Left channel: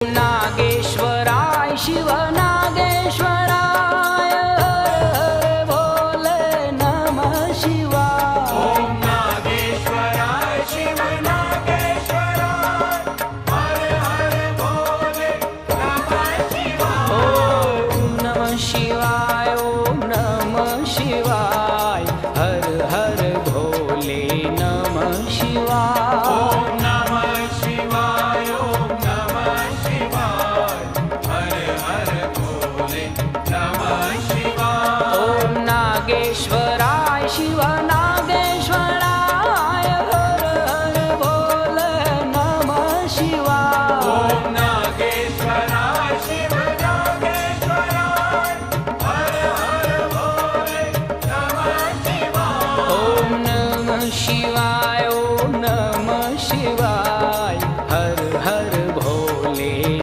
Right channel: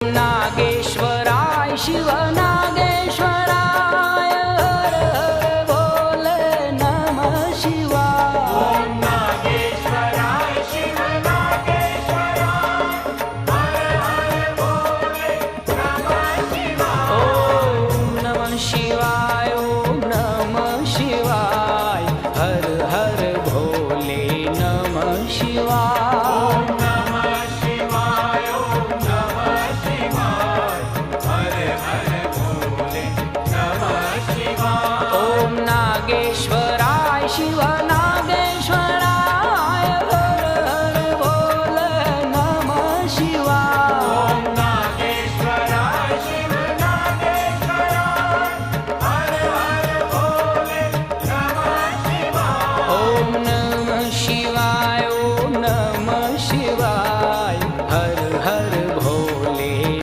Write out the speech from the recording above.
नागेश्वराय शिव नागेश्वराय हर हर भोले नमः शिवाय। नागेश्वराय शिव नागेश्वराय हर हर भोले नमः शिवाय। ओम नमः शिवाय ओम नमः शिवाय हर हर भोले नमः शिवाय। नागेश्वराय शिव नागेश्वराय हर हर भोले नमः शिवाय। नागेश्वराय शिव नागेश्वराय हर हर भोले नमः शिवाय। ओम नमः शिवाय।